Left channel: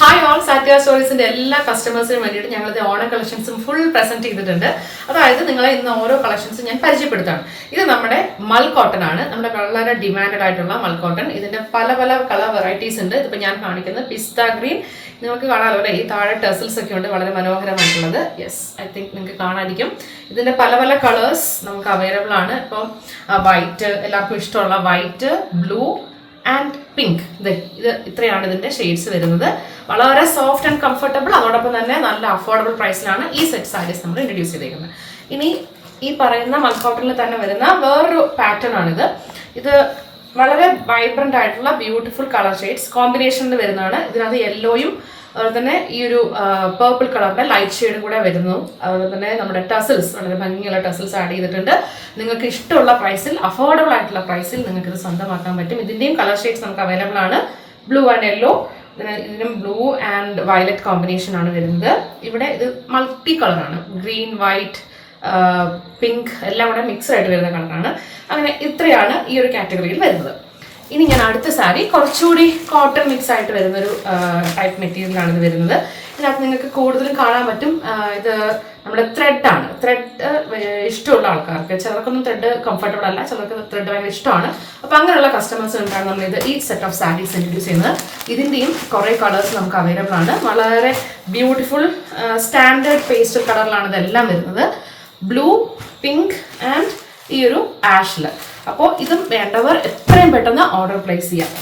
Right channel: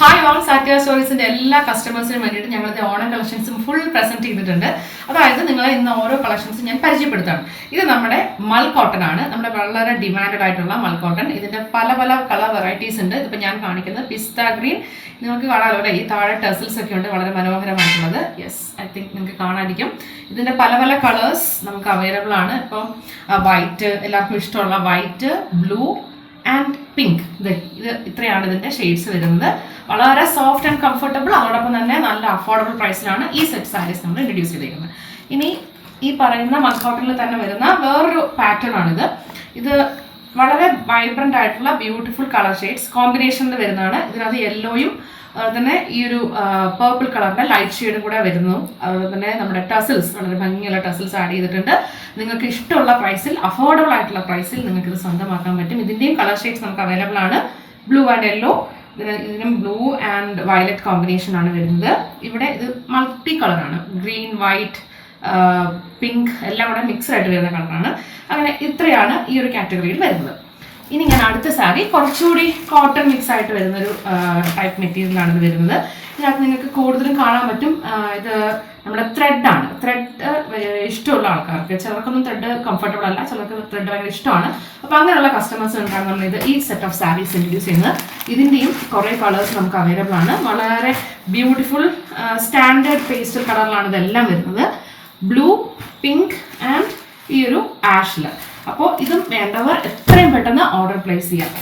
Hi all സാറ്റിയ സ്റ്റോറീസിന്റെ എല്ലാ കസ്റ്റമേഴ്സിനും വേണ്ടിയിട്ട് ഞങ്ങൾ ഓണം കളക്ഷൻസും ഫുൾ പ്രസന്റ് ചെയ്തിട്ടുണ്ട്. അതായത് നിങ്ങളെ ഇന്ന് ഓരോ കളക്ഷൻസും ഞാൻ പരിചയപ്പെടുത്താണ്. ഇത് നമ്മുടെ മൽ കോട്ടൺ ആണ്, നമ്മുടെ വളരെ ഡിമാൻഡഡ് ആയിട്ടുള്ള മൽ കോട്ടൺ. ഇതിന്റെ പല പല കളർ വെറൈറ്റീസ് ഉണ്ട്. ഇതിപ്പോൾ ഞാൻ കാണിക്കുന്നത് പിസ്ത ഗ്രീൻ. നിങ്ങൾക്ക് കാണാമല്ലോ അല്ലേ, ഈ താഴെ ടെസൽസ് ഒക്കെ ഉണ്ട്, വളരെ മനോഹരമായിട്ടുള്ളത്. യെസ്, ഐ തിങ്ക് നിങ്ങൾക്ക് കാണാതിരിക്കും. ഇതിന്റെ പല പല കളേഴ്സ് നമുക്ക് അവൈലബിൾ ആണ്. ഇപ്പം വൈറ്റ്, എല്ലാവർക്കും ഇഷ്ടമുള്ള വൈറ്റ്, ബ്ലൂ ആൻഡ് പിങ്ക്. ഇത് ഇത്രയാണ് ഇതിന്റെ ഷെയ്ഡ്സ് വരുന്നത്. വളരെ സോഫ്റ്റ് ആൻഡ് കംഫർട്ടബിൾ, അതോടൊപ്പം തന്നെ നല്ല അഫോർഡബിൾ പ്രൈസിലാണ് ഈ സെറ്റ് സാരീസ് നമ്മൾ ഇൻട്രൊഡ്യൂസ് ചെയ്തേക്കുന്നത്. ഇനി ഈ പറയുന്ന മൽ കോട്ടണിൽ തന്നെ വരുന്ന വേറൊരു പാറ്റേൺ ആണിത്. ഇത് വളരെ വൈബ്രന്റ് ആയിട്ടുള്ള ബ്യൂട്ടിഫുൾ കളർ ഷെയ്ഡ്സ് കോമ്പിനേഷനിൽ വരുന്നതാണ്. ഇതിനകത്ത് യെല്ലോയും അതുപോലെ തന്നെ ഈ ഒരു പേർപ്പിൾ കളറിന്റെ ലൈറ്റ് ഷെയ്ഡും കൂടെ വരുന്നു. അതുപോലെ തന്നെ നമ്മുടെ ടസിൽസ്, വളരെ ഭംഗിയുള്ള ടസിൽസ് ആഡ് ചെയ്തിട്ടുണ്ട്. നിങ്ങൾക്ക് ഇഷ്ടമുള്ള പ്രൈസിൽ, അഫോർഡബിൾ ആയിട്ടുള്ള പ്രൈസിൽ നിങ്ങൾക്ക് ഇത് സ്വന്തമാക്കാൻ പറ്റും. ഇതിന്റെയും കളർ ഷെയ്ഡ്സ് നമുക്ക് അവൈലബിൾ ആണ്. ബ്ലൂ ആൻഡ് യെല്ലോ, ഇതിനും ബ്ലൂ ആൻഡ് വയലറ്റ് കോമ്പിനേഷൻ ആണ് വരുന്നത്. ഇവിടെ ഇത് മൾട്ടി കളറാണ്, ഗ്രീൻ, വൈറ്റ്, പിങ്ക് എല്ലാം കൂടെ മിക്സ് ആയിട്ട് വരുന്ന കളറാണ്. അങ്ങനെ ഇത്രയാണ് ഈ ഒരു കാറ്റഗറിയിൽ വരുന്നത്. ഇനി ഞാൻ അടുത്ത സാരി കുറച്ചുകൂടി കോട്ടൺ മിക്സ് ആയിട്ട് വരുന്നൊരു ടൈപ്പ് മെറ്റീരിയലാണ് ഇത് വരുന്നത്. ഇതിനകത്ത് നിങ്ങൾക്ക് കൂടുതലും കാണാൻ പറ്റും, ഇത് നമ്മുടെ ത്രെഡാണ്. ത്രെഡ് ഇഷ്ടമുള്ള ആൾക്കാർക്ക്, ചിലർക്കൊന്നും ത്രെഡ് കംഫർട്ടബിൾ അല്ല, ചിലർക്ക് ത്രെഡ് ഭയങ്കര ഇഷ്ടമാണ്. അപ്പോൾ അങ്ങനെയുള്ള കസ്റ്റമേഴ്സ് ഉണ്ടാകും നമ്മൾ ഈ സെറ്റ് ഓഫ് സാരീസ് ഇൻട്രൊഡ്യൂസ് ചെയ്യുന്നത്. ഇതിൻ്റെയും കുറേ കളേഴ്സ് നമുക്ക് അവൈലബിൾ ആണ്. വളരെ ബ്യൂട്ടിഫുൾ സ്റ്റാൻഡേർഡ് പേസ്റ്റൽ കളറിലാണ് ഇതെല്ലാം വരുന്നത്. ബ്ലൂ, പിങ്ക് ആൻഡ് ഈ ഒരു ആഷില്. അപ്പോൾ ഇതും വേണ്ടവർ എത്രയും പെട്ടെന്ന് ഓർഡർ പ്ലേസ് ചെയ്യാം.